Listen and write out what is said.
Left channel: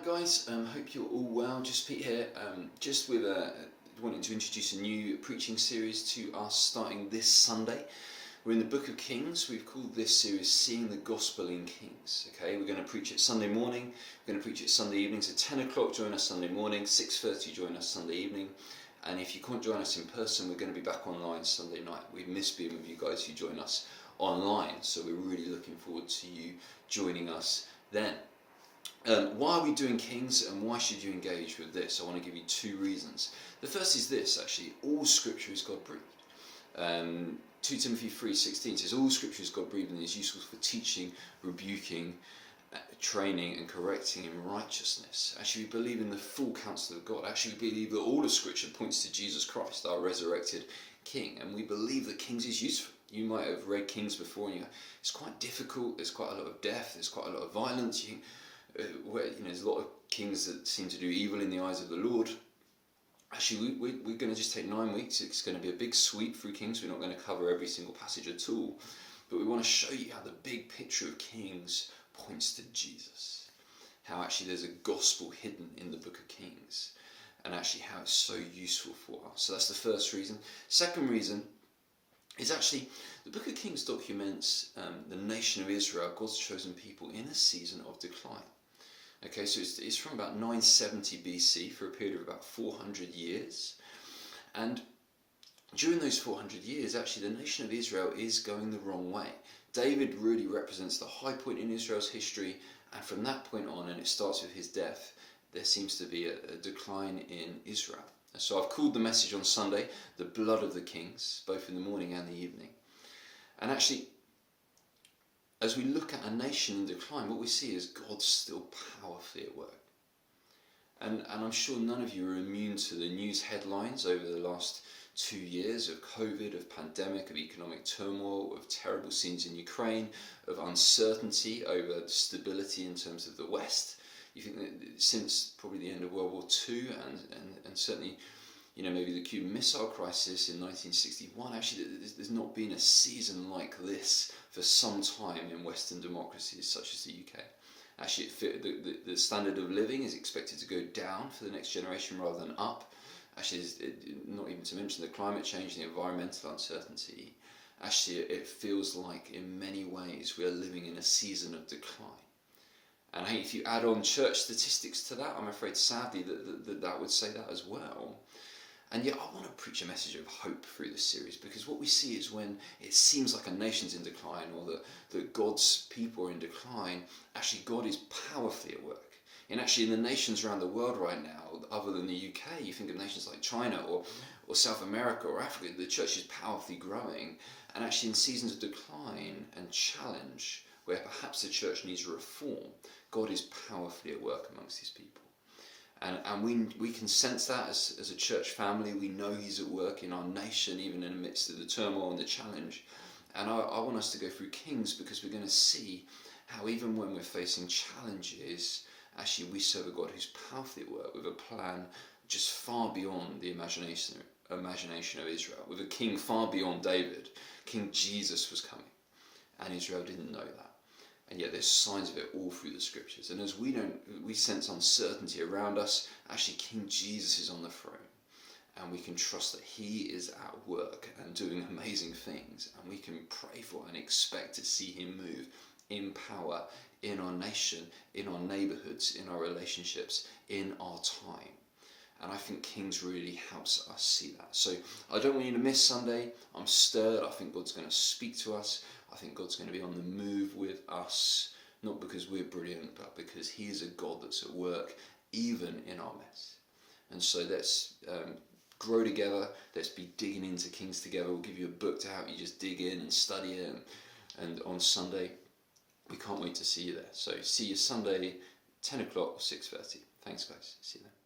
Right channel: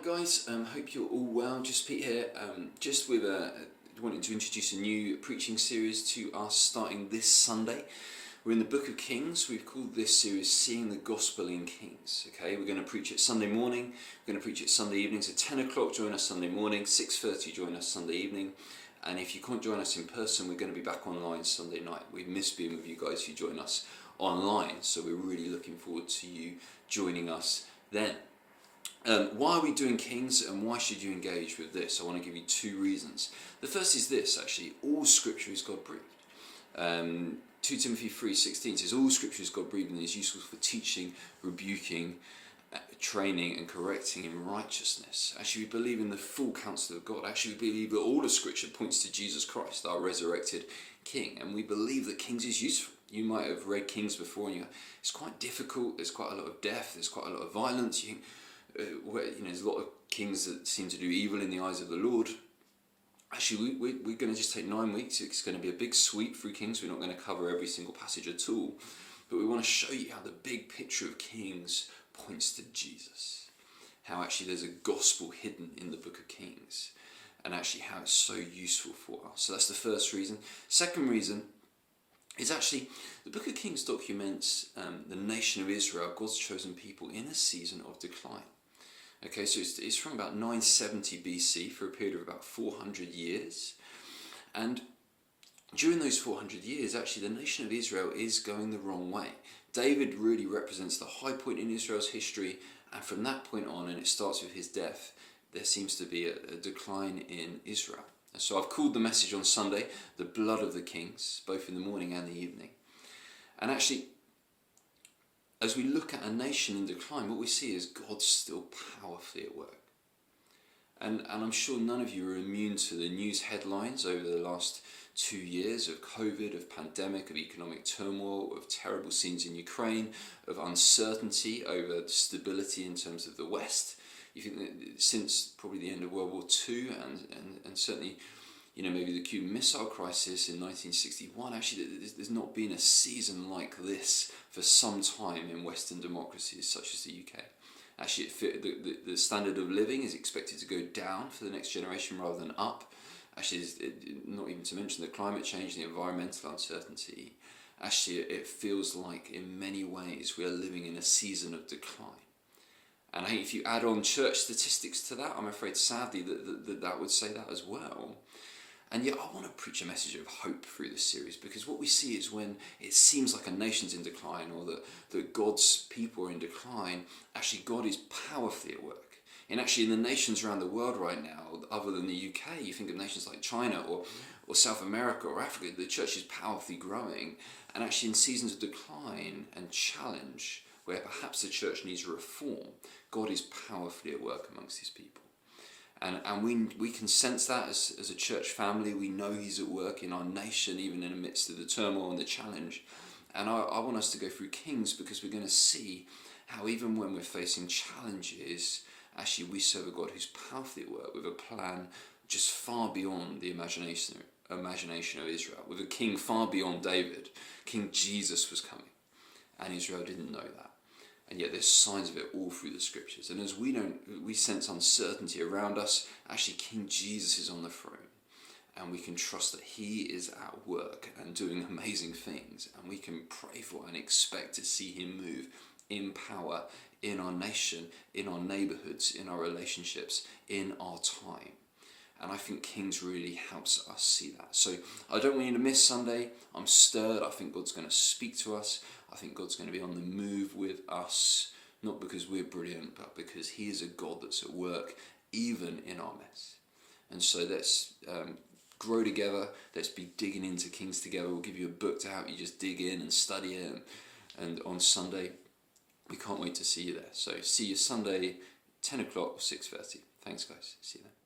Alright guys, hope you're all well. Just Pete here, just wanting to introduce a new preaching series to us starting this Sunday. We're in the book of Kings. We've called this series Seeing the Gospel in Kings. Okay, we're going to preach it Sunday morning, we're going to preach it Sunday evening, so 10 o'clock join us Sunday morning, 6:30 join us Sunday evening, and if you can't join us in person, we're going to be back online Sunday night. We've missed being with you guys who join us online, so we're really looking forward to you joining us then. Why are we doing Kings and why should you engage with this? I want to give you two reasons. The first is this, actually, all scripture is God breathed. 2 Timothy 3:16 says all scripture is God breathed and is useful for teaching, rebuking, training and correcting in righteousness. Actually, we believe in the full counsel of God. Actually, we believe that all of scripture points to Jesus Christ, our resurrected King, and we believe that Kings is useful. You might have read Kings before and you go, it's quite difficult, there's quite a lot of death, there's quite a lot of violence. There's a lot of kings that seem to do evil in the eyes of the Lord. Actually, we're going to just take 9 weeks. It's going to be a big sweep through Kings. We're not going to cover every single passage at all. But we want to show you how the big picture of Kings points to Jesus. How actually there's a gospel hidden in the book of Kings. And actually how it's so useful for us. So that's the first reason. Second reason is actually the book of Kings documents the nation of Israel, God's chosen people, in a season of decline. Okay, so it's from about 970 BC for a period of about 400 years. And during those 400 years, actually, the nation of Israel is going the wrong way. David really represents the high point in Israel's history. And from that point on, and it starts with his death, there seems to be a decline in Israel. And so I've called the message on Sunday, The Blood of the Kings, both in the morning and the evening. And actually, as we look at a nation in decline, what we see is God's still powerfully at work. And I'm sure none of you are immune to the news headlines over the last 2 years of COVID, of pandemic, of economic turmoil, of terrible scenes in Ukraine, of uncertainty over stability in terms of the West. You think that since probably the end of World War II and certainly, maybe the Cuban Missile Crisis in 1961, actually there's not been a season like this for some time in Western democracies such as the UK. Actually, the standard of living is expected to go down for the next generation rather than up. Actually, not even to mention the climate change, the environmental uncertainty. Actually, it feels like in many ways we are living in a season of decline. And if you add on church statistics to that, I'm afraid sadly that would say that as well. And yet I want to preach a message of hope through this series, because what we see is when it seems like a nation's in decline or that God's people are in decline, actually God is powerfully at work. And actually in the nations around the world right now, other than the UK, you think of nations like China or South America or Africa, the church is powerfully growing. And actually in seasons of decline and challenge, where perhaps the church needs reform, God is powerfully at work amongst his people. And we can sense that as a church family. We know he's at work in our nation, even in the midst of the turmoil and the challenge. And I want us to go through Kings because we're going to see how even when we're facing challenges, actually we serve a God who's powerfully at work with a plan just far beyond the imagination of Israel, with a king far beyond David. King Jesus was coming, and Israel didn't know that. And yet there's signs of it all through the scriptures. And as we sense uncertainty around us, actually King Jesus is on the throne. And we can trust that he is at work and doing amazing things. And we can pray for and expect to see him move in power in our nation, in our neighborhoods, in our relationships, in our time. And I think Kings really helps us see that. So I don't want you to miss Sunday. I'm stirred. I think God's going to speak to us. I think God's going to be on the move with us, not because we're brilliant, but because he is a God that's at work even in our mess. And so let's grow together. Let's be digging into Kings together. We'll give you a book to help you just dig in and study it. And on Sunday, we can't wait to see you there. So see you Sunday, 10 o'clock or 6:30. Thanks, guys. See you then.